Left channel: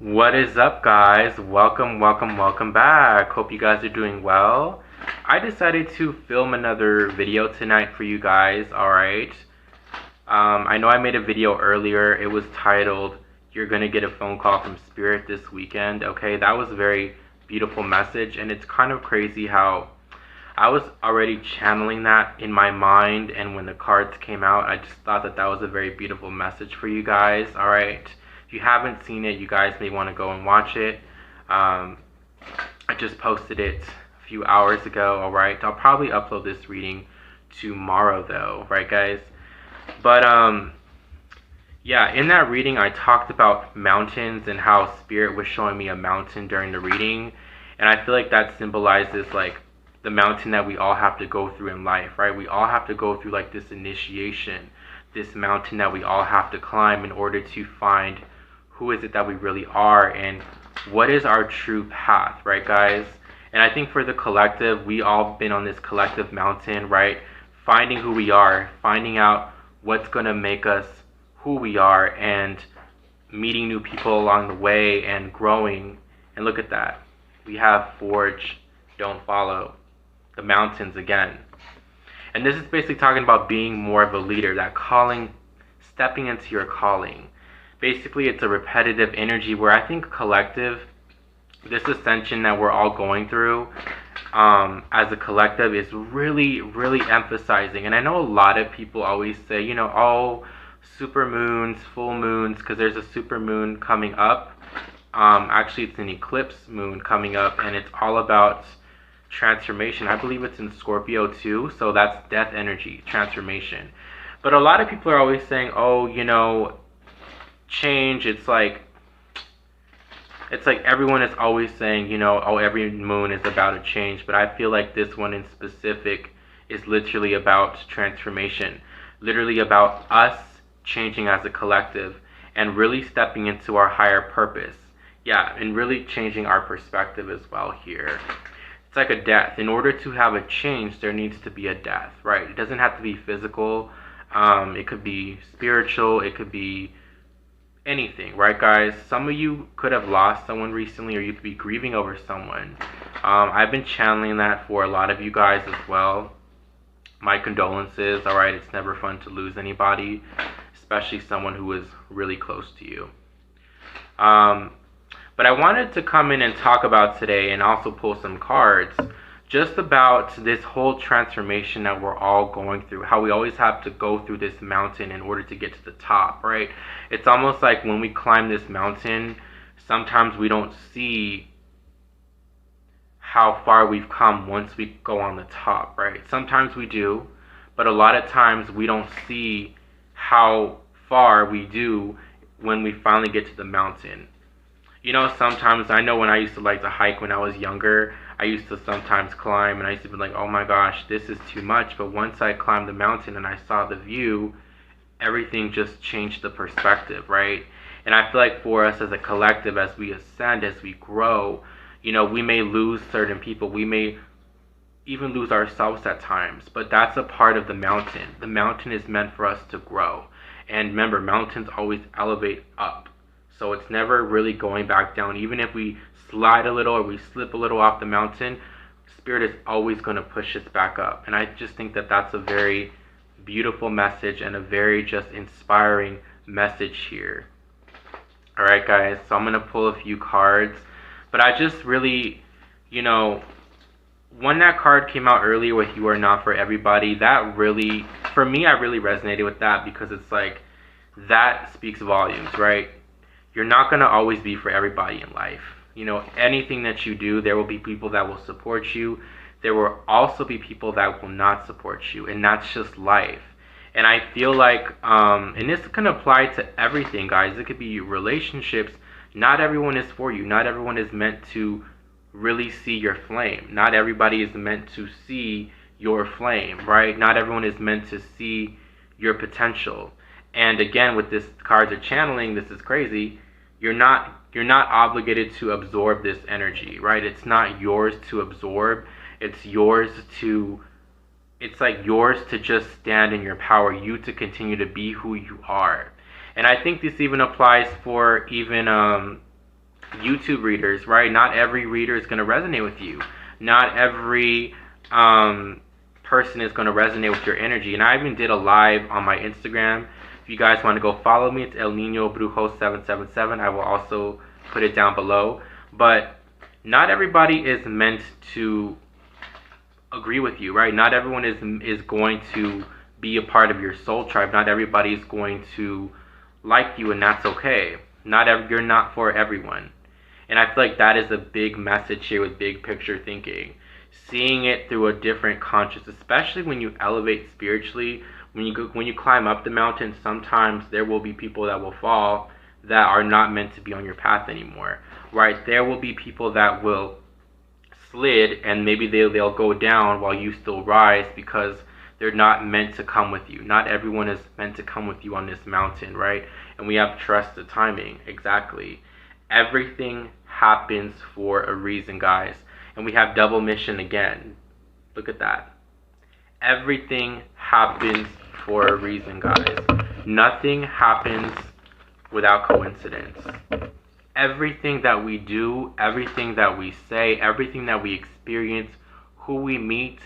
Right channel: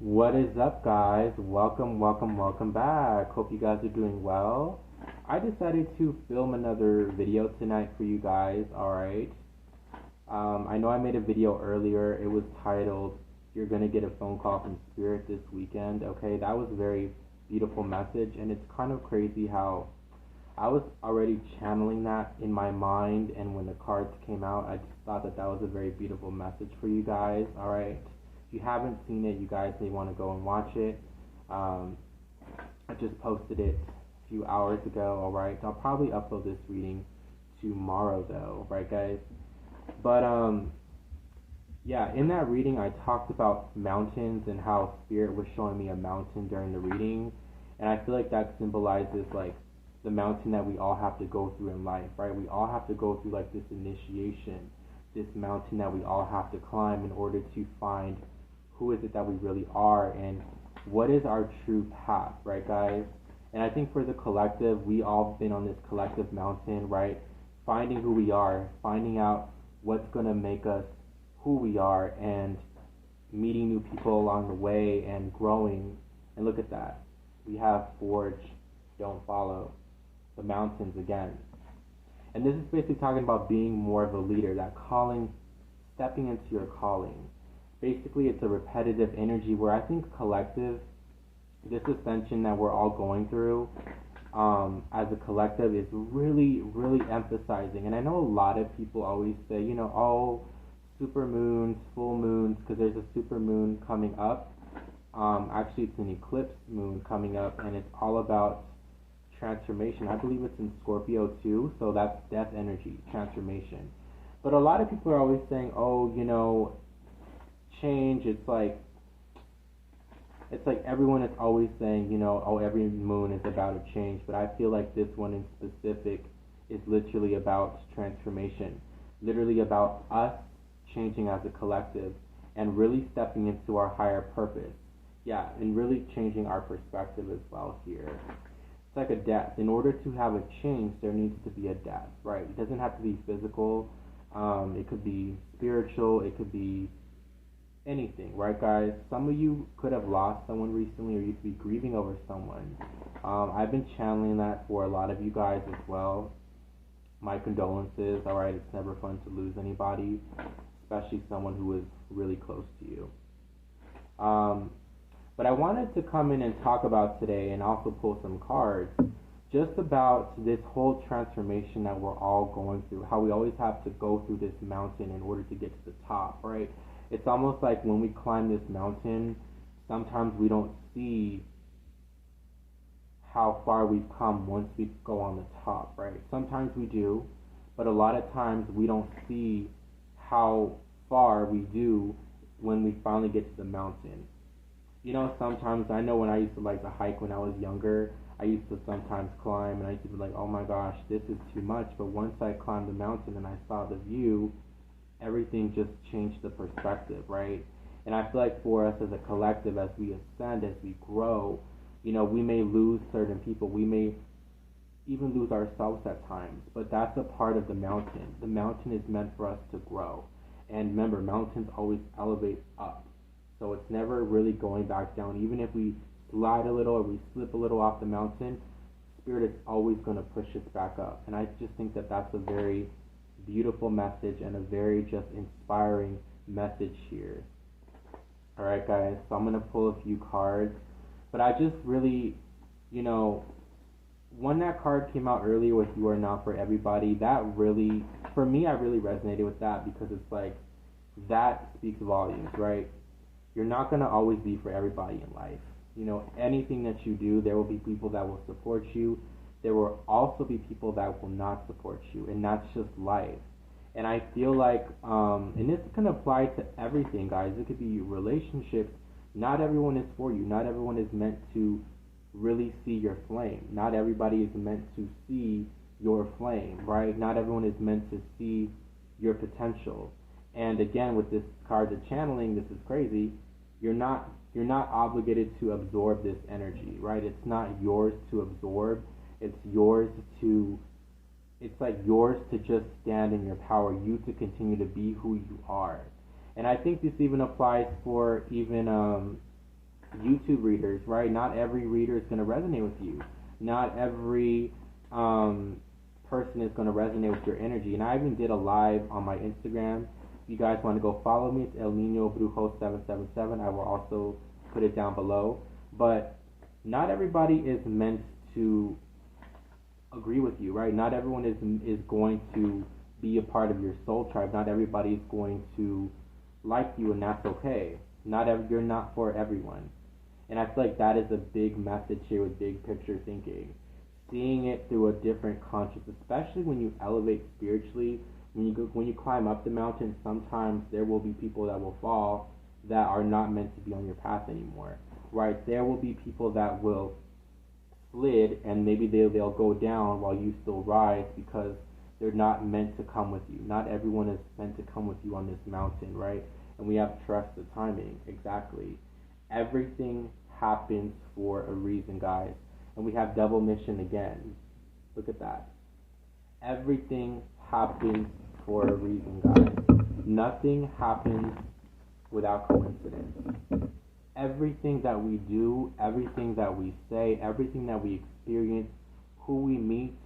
What is up, guys? Welcome back. Hope you guys are doing well. I decided to film another video tonight for you guys, alright? I know I made a video earlier. It was titled, You're Gonna Get a Phone Call from Spirit This Weekend. Okay, that was a very beautiful message, and it's kind of crazy how I was already channeling that in my mind, and when the cards came out, I just thought that that was a very beautiful message for you guys. All right, if you haven't seen it, you guys may want to go and watch it. Um, I just posted it a few hours ago. All right, I'll probably upload this reading tomorrow, though. Right, guys? But yeah, in that reading, I talked about mountains and how spirit was showing me a mountain during the reading, and I feel like that symbolizes like the mountain that we all have to go through in life, right? We all have to go through like this initiation, this mountain that we all have to climb in order to find who is it that we really are and what is our true path, right, guys? And I think for the collective, we all been on this collective mountain, right? Finding who we are, finding out what's going to make us who we are, and meeting new people along the way and growing. And look at that. We have Forge, Don't Follow, the mountains again. And this is basically talking about being more of a leader, that calling, stepping into your calling. Basically, it's a repetitive energy where I think collective, this ascension that we're all going through as a collective is really emphasizing. And I know a lot of people always say, oh, super moons, full moons, because there's a super moon coming up. Actually, it's an eclipse moon coming up, and it's all about transformation. I believe it's in Scorpio too, so that's death energy, transformation. But a lot of people are always saying, oh, change. It's like everyone is always saying, oh, every moon is about a change. But I feel like this one in specific is literally about transformation, literally about us changing as a collective and really stepping into our higher purpose. Yeah, and really changing our perspective as well here. It's like a death. In order to have a change, there needs to be a death, right? It doesn't have to be physical. It could be spiritual. It could be anything, right, guys? Some of you could have lost someone recently, or you could be grieving over someone. I've been channeling that for a lot of you guys as well. My condolences, all right? It's never fun to lose anybody, especially someone who is really close to you. But I wanted to come in and talk about today and also pull some cards just about this whole transformation that we're all going through, how we always have to go through this mountain in order to get to the top, right? It's almost like when we climb this mountain, sometimes we don't see how far we've come once we go on the top, right? Sometimes we do, but a lot of times we don't see how far we do when we finally get to the mountain. Sometimes I know when I used to like to hike when I was younger, I used to sometimes climb and I used to be like, oh my gosh, this is too much. But once I climbed the mountain and I saw the view, everything just changed the perspective, right? And I feel like for us as a collective, as we ascend, as we grow, we may lose certain people. We may even lose ourselves at times, but that's a part of the mountain. The mountain is meant for us to grow. And remember, mountains always elevate up. So it's never really going back down. Even if we slide a little or we slip a little off the mountain, Spirit is always going to push us back up. And I just think that that's a very beautiful message and a very just inspiring message here. All right, guys, so I'm going to pull a few cards. But I just really, when that card came out earlier with You Are Not For Everybody, that really, for me, I really resonated with that because it's like, that speaks volumes, right? You're not going to always be for everybody in life. Anything that you do, there will be people that will support you. There will also be people that will not support you, and that's just life. And I feel like, and this can apply to everything, guys. It could be relationships. Not everyone is for you. Not everyone is meant to really see your flame. Not everybody is meant to see your flame, right? Not everyone is meant to see your potential. And again, with this cards are channeling, this is crazy. You're not obligated to absorb this energy, right? It's not yours to absorb. It's like yours to just stand in your power, you to continue to be who you are. And I think this even applies for even YouTube readers, right? Not every reader is going to resonate with you. Not every person is going to resonate with your energy. And I even did a live on my Instagram. If you guys want to go follow me, it's El Nino Brujo 777. I will also put it down below. But not everybody is meant to agree with you, right? Not everyone is going to be a part of your soul tribe. Not everybody is going to like you, and that's okay. You're not for everyone. And I feel like that is a big message here with big picture thinking. Seeing it through a different consciousness, especially when you elevate spiritually, when you climb up the mountain, sometimes there will be people that will fall that are not meant to be on your path anymore, right? There will be people that will slid, and maybe they'll go down while you still rise, because they're not meant to come with you. Not everyone is meant to come with you on this mountain, right? And we have to trust the timing. Exactly. Everything happens for a reason, guys. And we have double mission again. Look at that. Everything happens for a reason, guys. Nothing happens without coincidence. Everything that we do, everything that we say, everything that we experience, who we meet,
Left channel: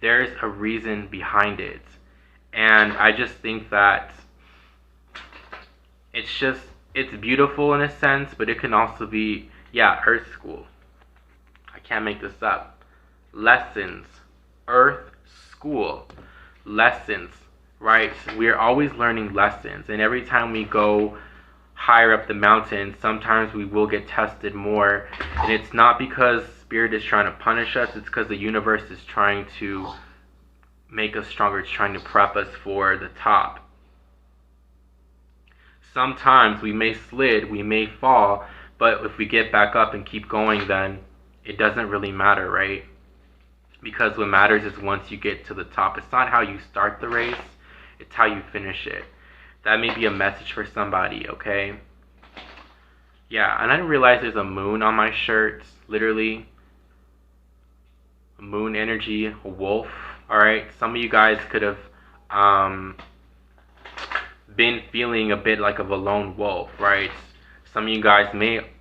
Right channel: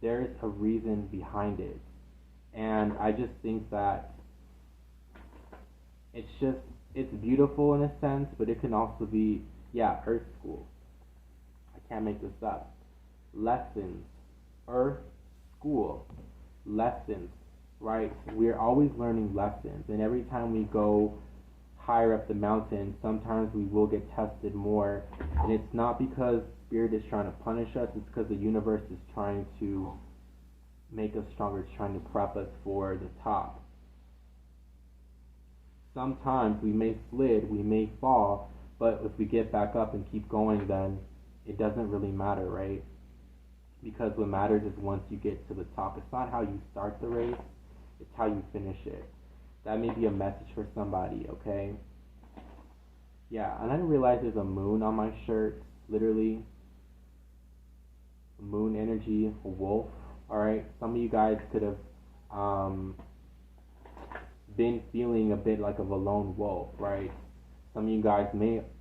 there's a reason behind it. And I just think that it's beautiful in a sense, but it can also be, yeah, Earth School. I can't make this up. Lessons. Earth School. Lessons, right? We're always learning lessons. And every time we go higher up the mountain, sometimes we will get tested more. And it's not because Spirit is trying to punish us, it's because the universe is trying to make us stronger. It's trying to prep us for the top. Sometimes we may slid, we may fall, but if we get back up and keep going, then it doesn't really matter, right? Because what matters is once you get to the top. It's not how you start the race, it's how you finish it. That may be a message for somebody, okay? Yeah, and I didn't realize there's a moon on my shirt, literally. Moon energy, a wolf, alright? Some of you guys could have been feeling a bit like of a lone wolf, right? Some of you guys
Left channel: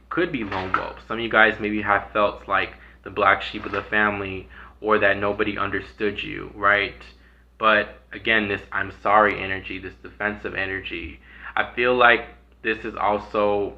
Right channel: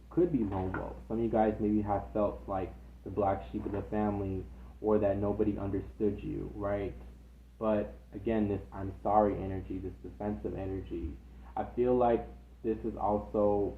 could be lone wolves. Some of you guys maybe have felt like the black sheep of the family, or that nobody understood you, right? But again, this I'm sorry energy, this defensive energy, I feel like this is also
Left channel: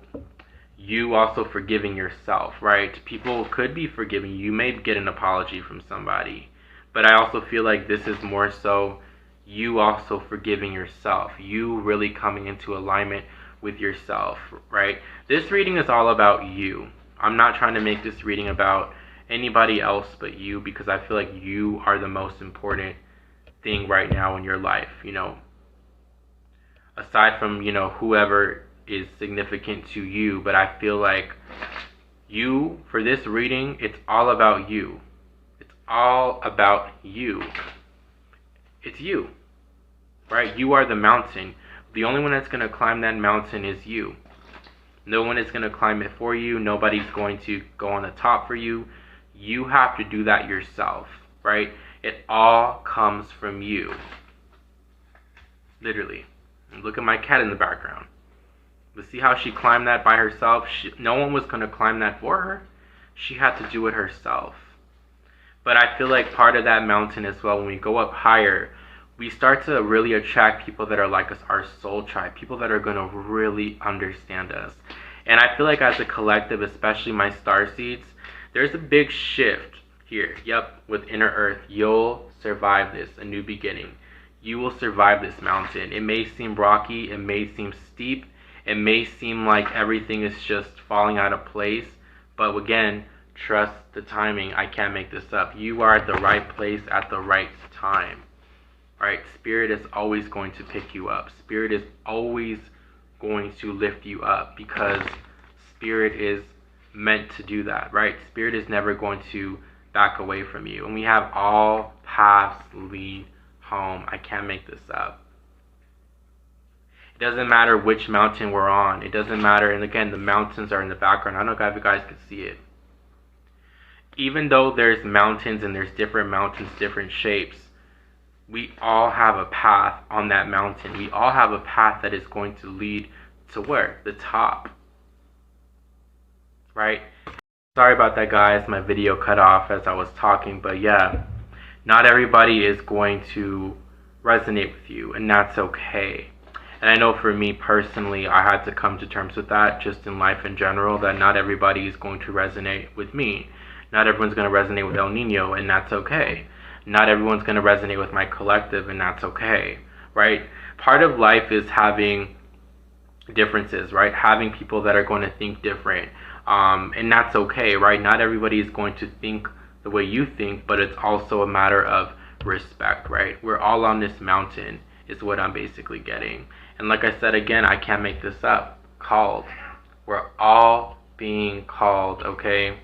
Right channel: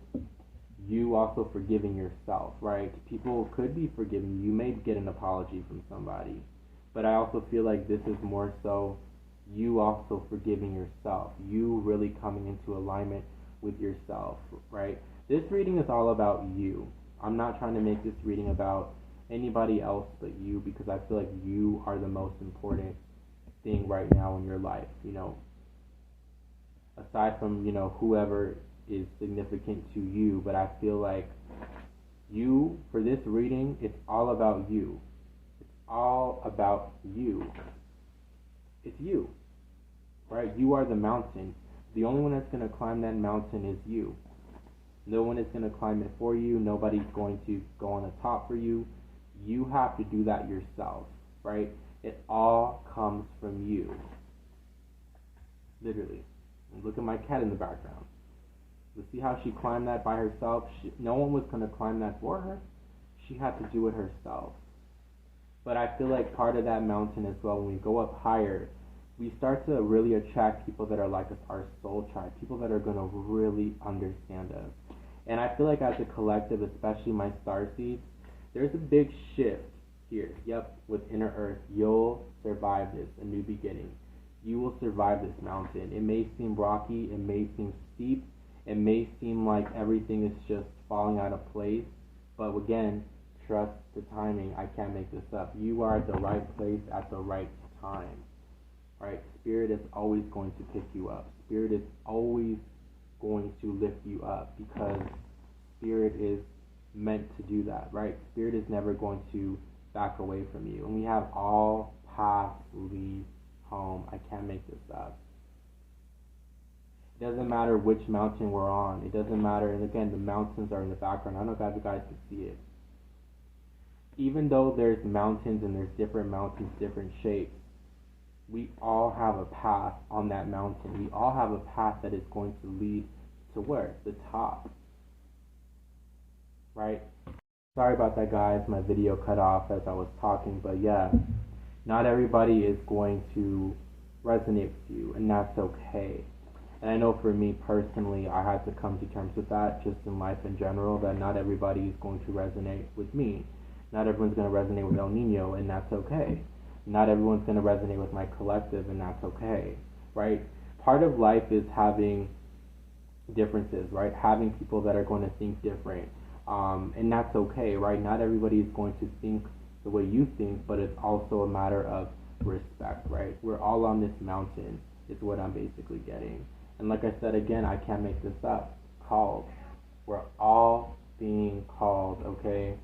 you also forgiving yourself, right? People could be forgiving you. You may get an apology from somebody, but I also feel like this is more so you also forgiving yourself, you really coming into alignment with yourself, right? This reading is all about you. I'm not trying to make this reading about anybody else but you, because I feel like you are the most important thing right now in your life, you know, aside from, you know, whoever is significant to you. But I feel like you, for this reading, it's all about you. It's all about you. It's you, right? You are the mountain. The only one that's going to climb that mountain is you. No one is going to climb it for you. Nobody's going to go on the top for you. You have to do that yourself, right? It all comes from you. Literally. And look at my cat in the background. But see how she climbed that by herself? No one was going to climb that for her. She had to do it herself. But I feel like part of that mountain as well, when we go up higher, we start to really attract people that are like us, our soul tribe, people that are going to really understand us. And I feel like as a collective, especially my star seeds, there's a big shift here. Yep, with Inner Earth, you'll survive this, a new beginning. You will survive this mountain. It may seem rocky, it may seem steep, it may seem like everything is just falling out of place, but again, trust the timing. I can't make this up. You are at the right place at the right time. Right? Spirit is always going to pick you up. Spirit is always going to lift you up, because Spirit is meant to do that, right? Spirit is never going to back away from you. And we have all paths lead home. I can't make this up. It doesn't matter which mountain we're on. It doesn't matter. And again, the mountains are in the background. I don't know if you guys can see it. Even though there's mountains and there's different mountains, different shapes, we all have a path on that mountain. We all have a path that is going to lead to where? The top. right? Sorry about that, guys. My video cut off as I was talking, but yeah, not everybody is going to resonate with you, and that's okay. And I know for me personally, I had to come to terms with that just in life in general, that not everybody is going to resonate with me. Not everyone's going to resonate with El Nino, and that's okay. Not everyone's going to resonate with my collective, and that's okay, right? Part of life is having differences, right? Having people that are going to think different, and that's okay, right? Not everybody is going to think the way you think, but it's also a matter of respect, right? We're all on this mountain, is what I'm basically getting. And like I said again, I can't make this up. Called. We're all being called, okay?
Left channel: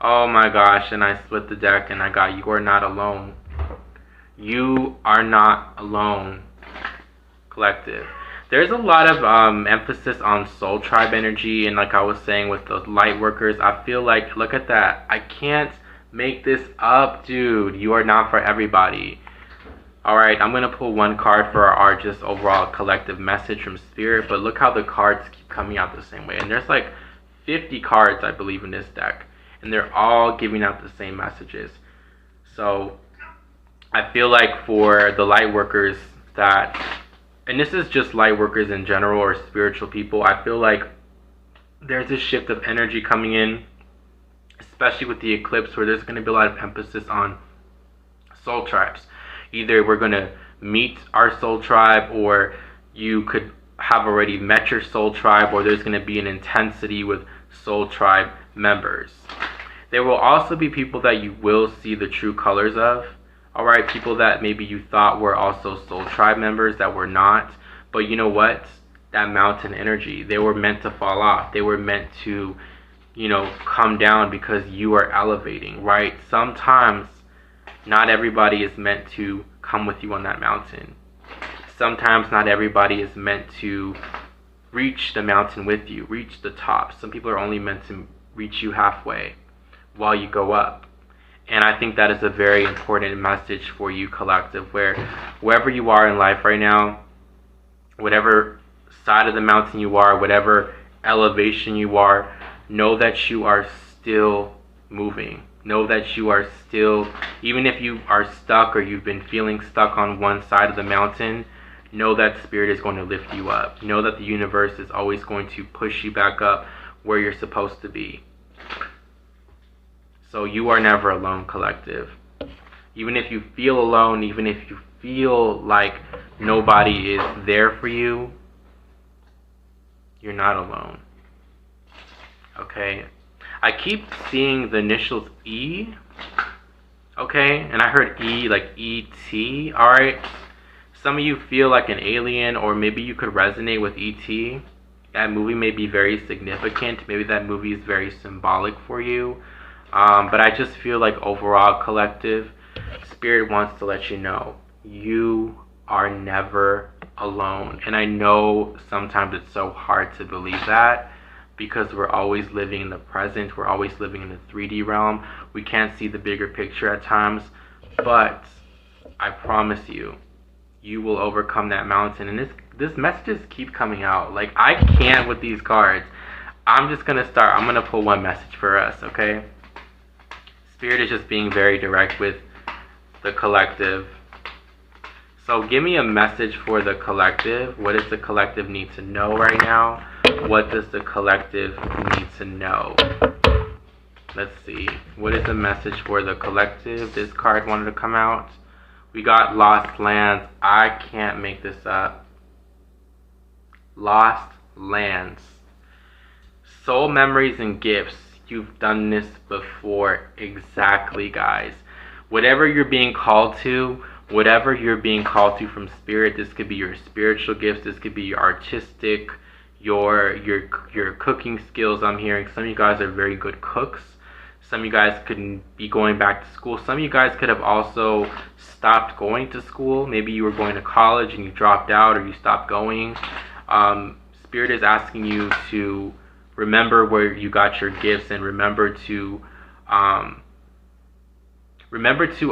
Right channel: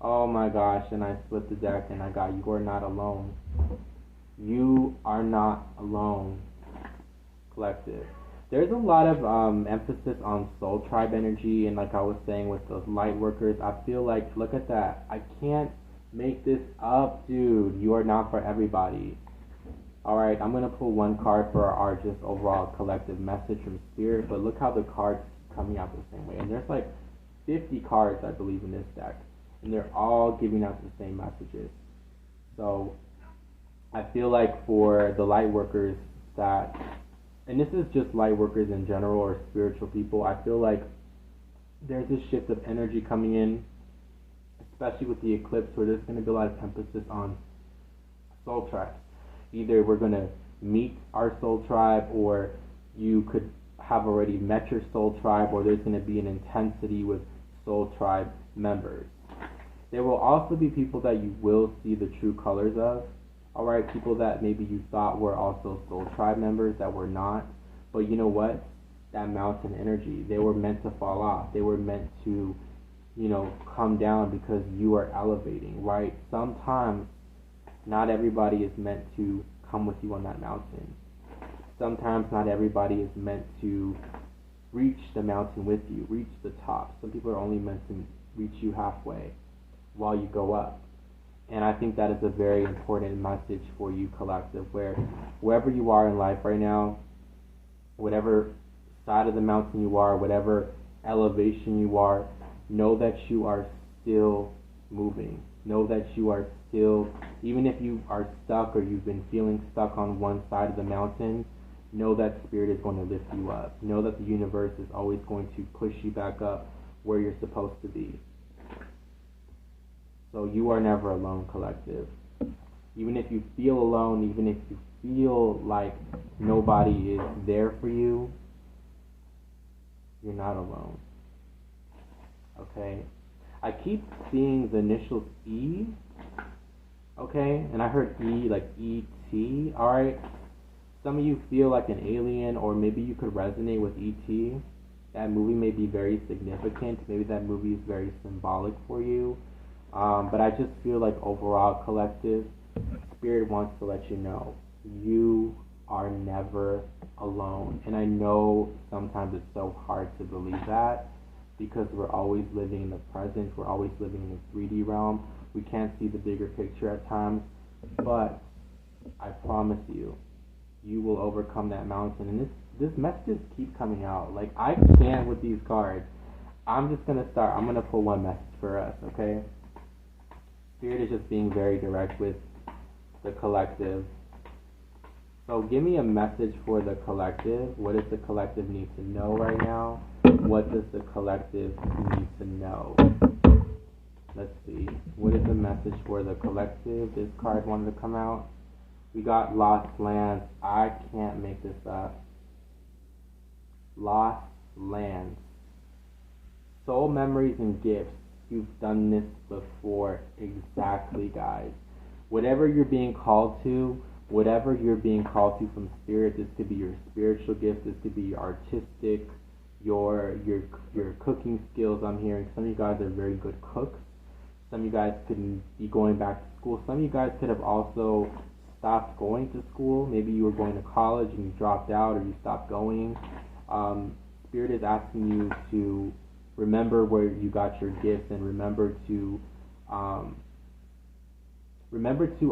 Oh my gosh, and I split the deck and I got You Are Not Alone. You are not alone, collective. There's a lot of emphasis on soul tribe energy, and like I was saying with the light workers, I feel like, look at that. I can't make this up, dude. You are not for everybody. Alright, I'm going to pull one card for our just overall collective message from Spirit, but look how the cards keep coming out the same way. And there's like 50 cards, I believe, in this deck, and they're all giving out the same messages. So I feel like for the light workers that, and this is just light workers in general or spiritual people, I feel like there's this shift of energy coming in, especially with the eclipse, where there's going to be a lot of emphasis on soul tribes. Either we're going to meet our soul tribe, or you could have already met your soul tribe, or there's going to be an intensity with soul tribe members. There will also be people that you will see the true colors of. Alright, people that maybe you thought were also soul tribe members that were not. But you know what? That mountain energy, they were meant to fall off. They were meant to, come down because you are elevating, right? Sometimes not everybody is meant to come with you on that mountain. Sometimes not everybody is meant to reach the mountain with you, reach the top. Some people are only meant to reach you halfway while you go up. And I think that is a very important message for you, collective, where wherever you are in life right now, whatever side of the mountain you are, whatever elevation you are, know that you are still moving. Know that you are still, even if you are stuck or you've been feeling stuck on one side of the mountain, know that Spirit is going to lift you up. Know that the universe is always going to push you back up where you're supposed to be. So you are never alone, collective. Even if you feel alone, even if you feel like nobody is there for you, you're not alone. Okay? I keep seeing the initials E. Okay? And I heard E like E.T. Alright? Some of you feel like an alien, or maybe you could resonate with E.T. That movie may be very significant. Maybe that movie is very symbolic for you. But I just feel like overall, collective, Spirit wants to let you know you are never alone. And I know sometimes it's so hard to believe that, because we're always living in the present. We're always living in the 3D realm. We can't see the bigger picture at times. But I promise you, you will overcome that mountain. And this messages keep coming out. Like, I can't with these cards. I'm just going to start. I'm going to pull one message for us, okay? Spirit is just being very direct with the collective. So give me a message for the collective. What does the collective need to know right now? What does the collective need to know? Let's see. What is the message for the collective? This card wanted to come out. We got Lost Lands. I can't make this up. Lost Lands. Soul memories and gifts. You've done this before. Exactly, guys. Whatever you're being called to, whatever you're being called to from Spirit, this could be your spiritual gifts, this could be your artistic, your cooking skills. I'm hearing some of you guys are very good cooks. Some of you guys could be going back to school. Some of you guys could have also stopped going to school. Maybe you were going to college and you dropped out, or you stopped going. Spirit is asking you to remember where you got your gifts, and remember to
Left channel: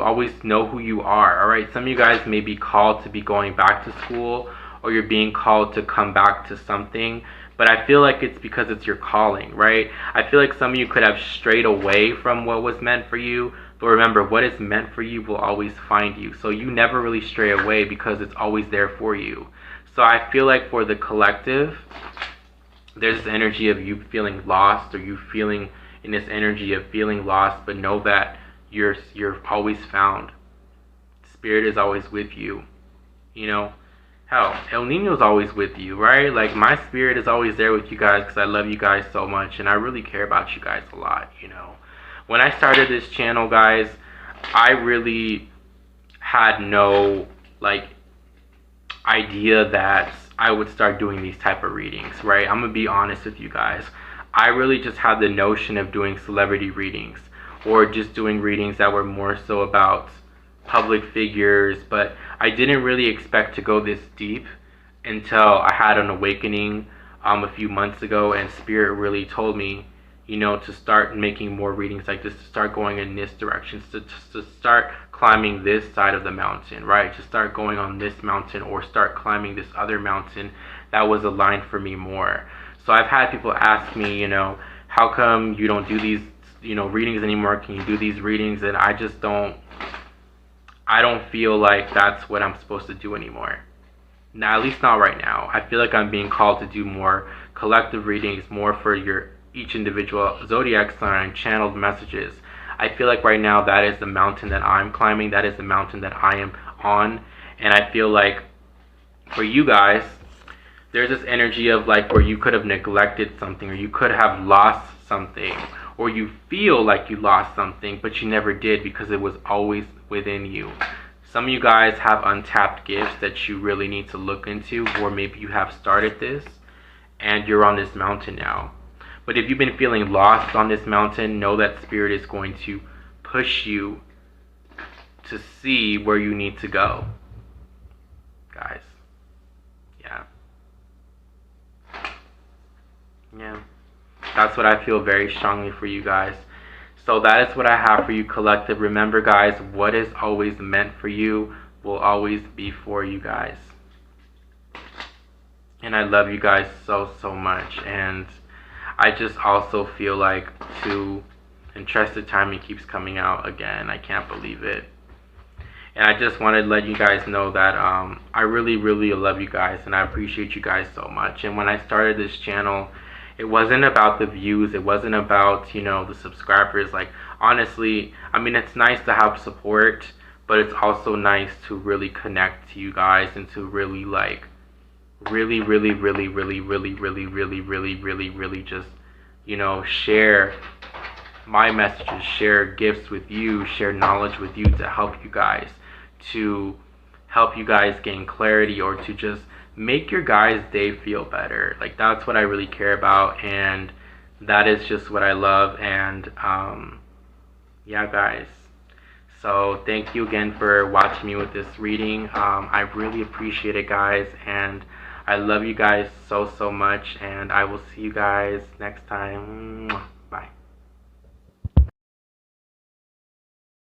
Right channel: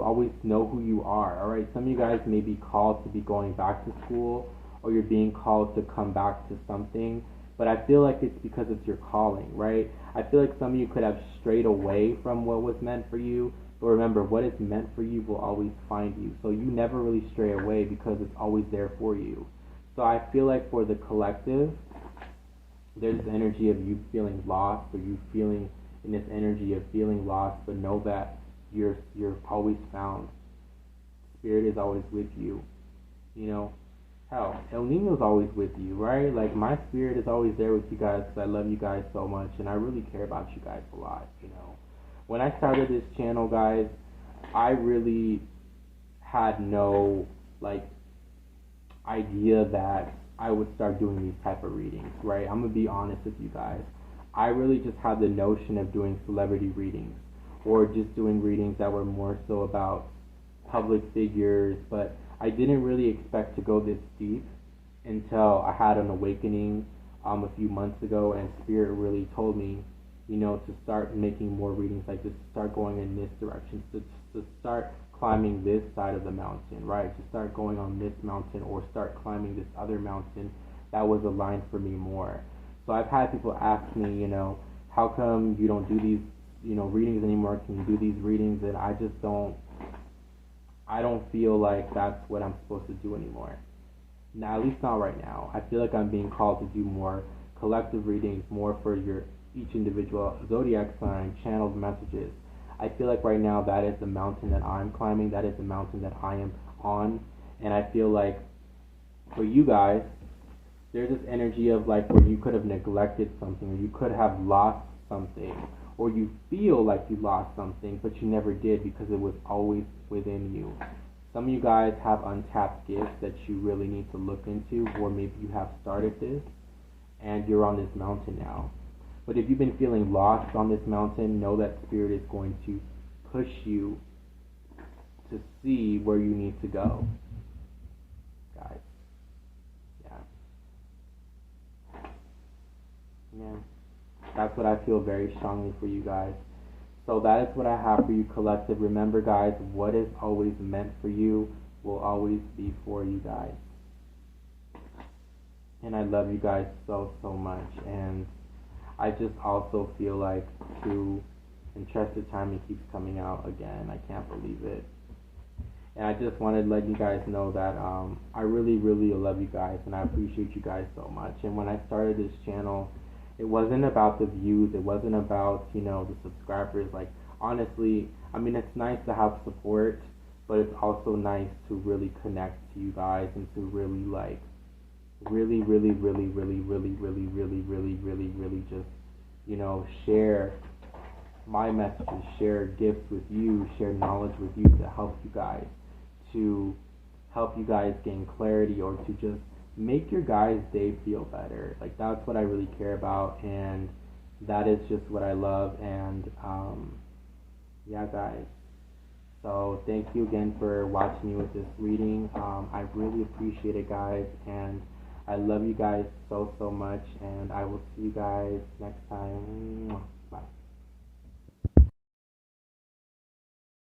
always know who you are. All right, some of you guys may be called to be going back to school, or you're being called to come back to something, But I feel like it's because it's your calling, right? I feel like some of you could have strayed away from what was meant for you, but remember, what is meant for you will always find you. So you never really stray away because it's always there for you. So I feel like for the collective, there's this energy of you feeling lost, or you feeling in this energy of feeling lost, but know that you're always found. Spirit is always with you. You know, hell, El Nino's always with you, right? Like, my spirit is always there with you guys because I love you guys so much and I really care about you guys a lot, you know. When I started this channel, guys, I really had no, like, idea that I would start doing these type of readings, right? I'm gonna be honest with you guys. I really just had the notion of doing celebrity readings, or just doing readings that were more so about public figures, but I didn't really expect to go this deep until I had an awakening a few months ago, and Spirit really told me, you know, to start making more readings like this, to start going in this direction, to start climbing this side of the mountain, right? To start going on this mountain, or start climbing this other mountain that was aligned for me more. So I've had people ask me, you know, how come you don't do these, you know, readings anymore? Can you do these readings? And I just don't, I don't feel like that's what I'm supposed to do anymore. Now, at least not right now. I feel like I'm being called to do more collective readings, more for each individual zodiac sign, channeled messages. I feel like right now that is the mountain that I'm climbing, that is the mountain that I am on. And I feel like for you guys, there's this energy of like where you could have neglected something, or you could have lost something, or you feel like you lost something but you never did because it was always within you. Some of you guys have untapped gifts that you really need to look into, or maybe you have started this and you're on this mountain now. But if you've been feeling lost on this mountain, know that Spirit is going to push you to see where you need to go, guys. Yeah, that's what I feel very strongly for you guys. So that is what I have for you, collective. Remember, guys, what is always meant for you will always be for you guys. And I love you guys so, so much. And I just also feel like Entrusted Timing keeps coming out again. I can't believe it. And I just wanted to let you guys know that I really, really love you guys, and I appreciate you guys so much. And when I started this channel, it wasn't about the views, it wasn't about, you know, the subscribers. Like, honestly, I mean, it's nice to have support, but it's also nice to really connect to you guys, and to really, like, really just, you know, share my messages, share gifts with you, share knowledge with you, to help you guys gain clarity, or to just make your guys' day feel better. Like, that's what I really care about, and that is just what I love. And yeah, guys, so thank you again for watching me with this reading. I really appreciate it, guys, and I love you guys so, so much, and I will see you guys next time.